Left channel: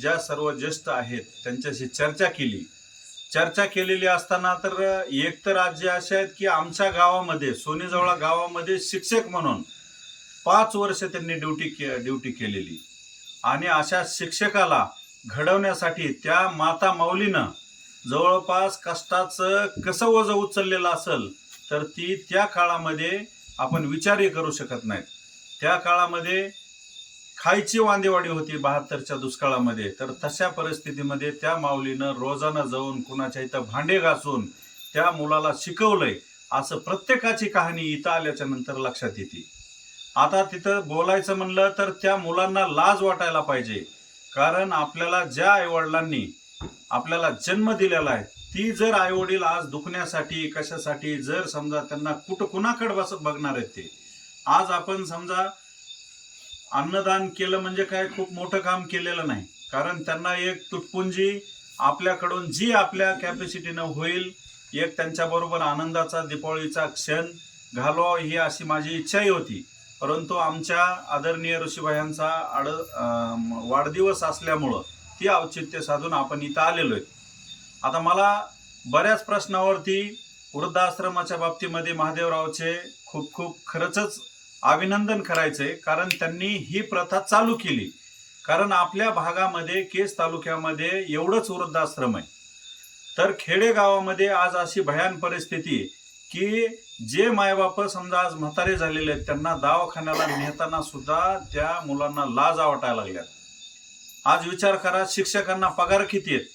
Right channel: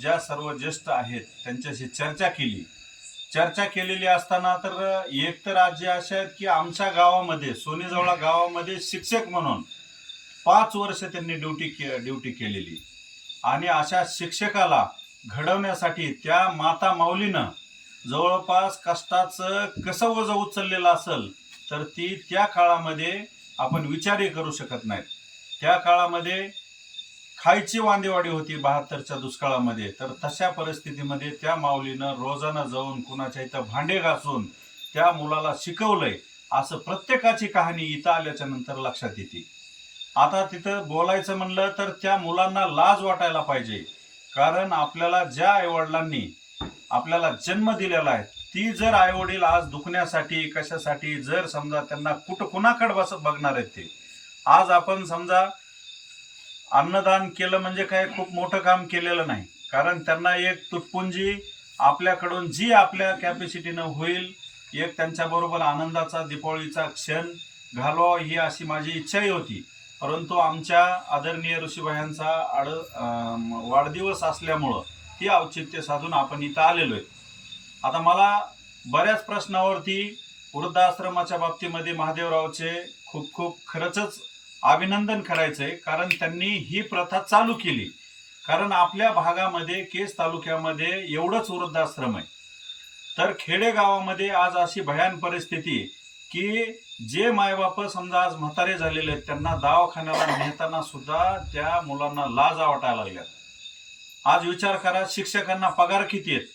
ज्या सर्व ज्येष्ठ आहेत त्यांच्याशी चर्चा केली. चर्चा केलेली असताना तर एक तर राज्य असे आहेत की आमच्या गावामध्ये सोनेजवळा गावामध्ये शिक्षक म्हणून पाच वर्ष त्यांनी ड्युटी के ड्युटी केलेली. आणि अशा शिक्षकाला घडवण्यासाठी त्या माता माऊलीनं जवळपास कष्टाचं कसं वजं उचललेलं असेल तर ती त्या काळामध्ये आपण विचारही करू शकत नाहीत. त्या काळामध्ये खायची वांदेवाडी होती बहात्तरच्या दुष्काळामध्ये तर तशा परिस्थितीमध्ये त्या माऊलीनं रोजानं जाऊन कुणाच्या इथं भांडे घासून त्या मुलाला शिकवलंय असं प्रत्येकाची कहाणी इथं आल्याच्यानंतर लक्षात येते. आता तिथं बोलायचं म्हणलं तर त्या मुलांना लाज वाटायला पाहिजे कारण आपल्याला ज्या आईवडिलांनी आपल्याला जन्म दिलेला आहे ती जर आईवडील आज दुखण्यासाठी कशासाठी जर समजा त्यांना कुठं कुणाकडे बसत बघणार आहेत ते. आज आपण समजा अन्नदान केलं म्हणजे काय? खूप मोठं काम केलेलं नाही. कारण त्यांना एक तुटपुंजी आपल्याकडून जी आपल्या कॅपॅसिटीनं होईल एक त्यांच्याबरोबर आनंदाचा दीपावलीचा क्षण घालवा ही अशी माझी इच्छाही होती. परंतु आमच्या आदरणीय ऋषीभायांचा आड वाढदिवस असल्यामुळं ती औचित्य साधून आपण इथं आलेलो आहे आता मला बऱ्याच प्रश्नावरती वृद्धाश्रमाच्या बाबतीमध्ये महादेवरावचे खूप खूप खरंच अभिनंदन करायचंय कारण त्यांनी ही प्रथा चालू केली. कारण आपल्या भागामध्ये केस तालुक्यामध्ये एवढंच वृद्धाश्रम आहे. तर खेडेगावामध्ये आज अशी भयान परिस्थिती आहे की जे मायबाप समजा आज म्हातारे झालेले आहेत त्यांना दवाखान्याला नेताना सुद्धा त्या मुलांना लाज वाटायला लागल्यात. आज विचार करा शिक्षकांना पगार किती आहेत?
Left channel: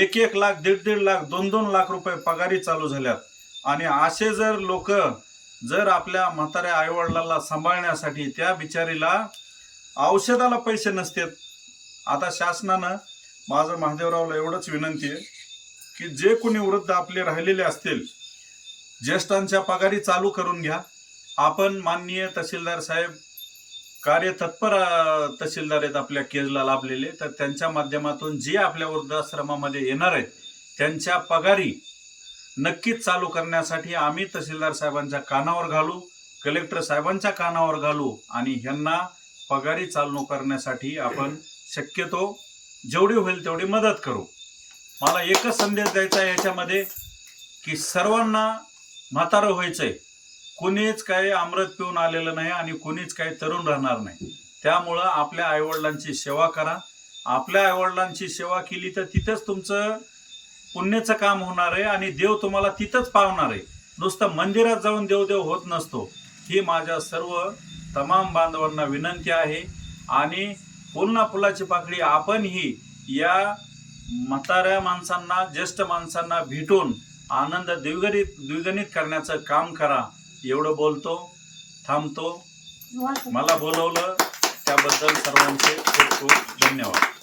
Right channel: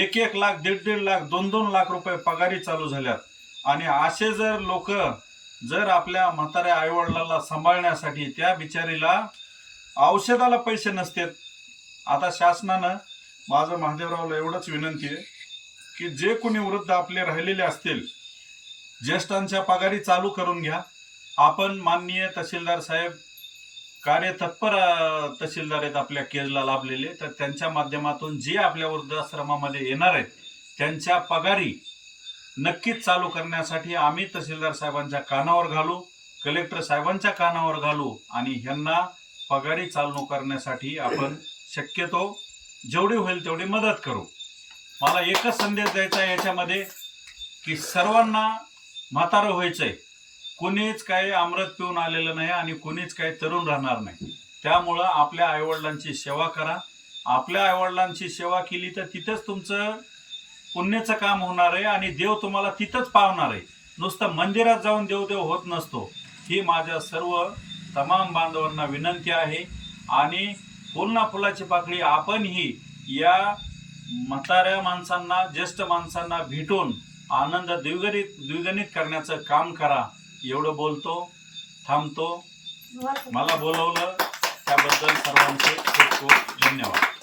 एक एक लाख दीड दीड लाख दोन दोन लाख रुपये पगारी चालू झाल्यात. आणि असे जर लोक जर आपल्या म्हाताऱ्या आईवडिलाला सांभाळण्यासाठी त्या बिचारीला औषधाला पैसे नसतात आता शासनानं माझं महादेवरावला एवढंच विनंती आहे की जे कोणी वृद्ध आपले राहिलेले असतील ज्येष्ठांच्या पगारी चालू करून घ्या. आपण माननीय तहसीलदार साहेब कार्यतत्पर तहसीलदार आहेत आपल्या केजला लाभलेले तर त्यांच्या माध्यमातून जे आपल्या वृद्धाश्रमामध्ये येणार आहेत त्यांच्या पगारी नक्कीच चालू करण्यासाठी आम्ही तहसीलदार साहेबांच्या कानावर घालू कलेक्टर साहेबांच्या कानावर घालू आणि ह्यांना पगारी चालू करण्यासाठी आपण शक्यतो जेवढी होईल तेवढी मदत करू. मला एकच संदेश द्यायचा आहे याच्यामध्ये की सर्वांना म्हातारं व्हायचंय. कोणीच काही अमृत पिऊन आलेलं नाही आणि कोणीच काही तरुण राहणार नाही. त्यामुळं आपल्या आईवडिलांची सेवा करा. आपल्या आईवडिलांची सेवा केली तर तिथेच तुमचं पुण्याचं काम होणार आहे आणि देव तुम्हाला तिथंच पावणार आहे. नुसतं मंदिरात जाऊन देवदेव होत नसतो. ही माझ्या सर्व तमाम बांधवांना विनंती आहे. आणि ना फुलाची पाकळी आपणही या म्हाताऱ्या माणसांना ज्येष्ठ माणसांना भेटून आनंद द्विगणित द्विगणित करण्याचं काम करा. एवढं बोलतो थांबतो. मला बोलवलं. त्याबद्दल सर्वांचे खूप खूप धन्यवाद.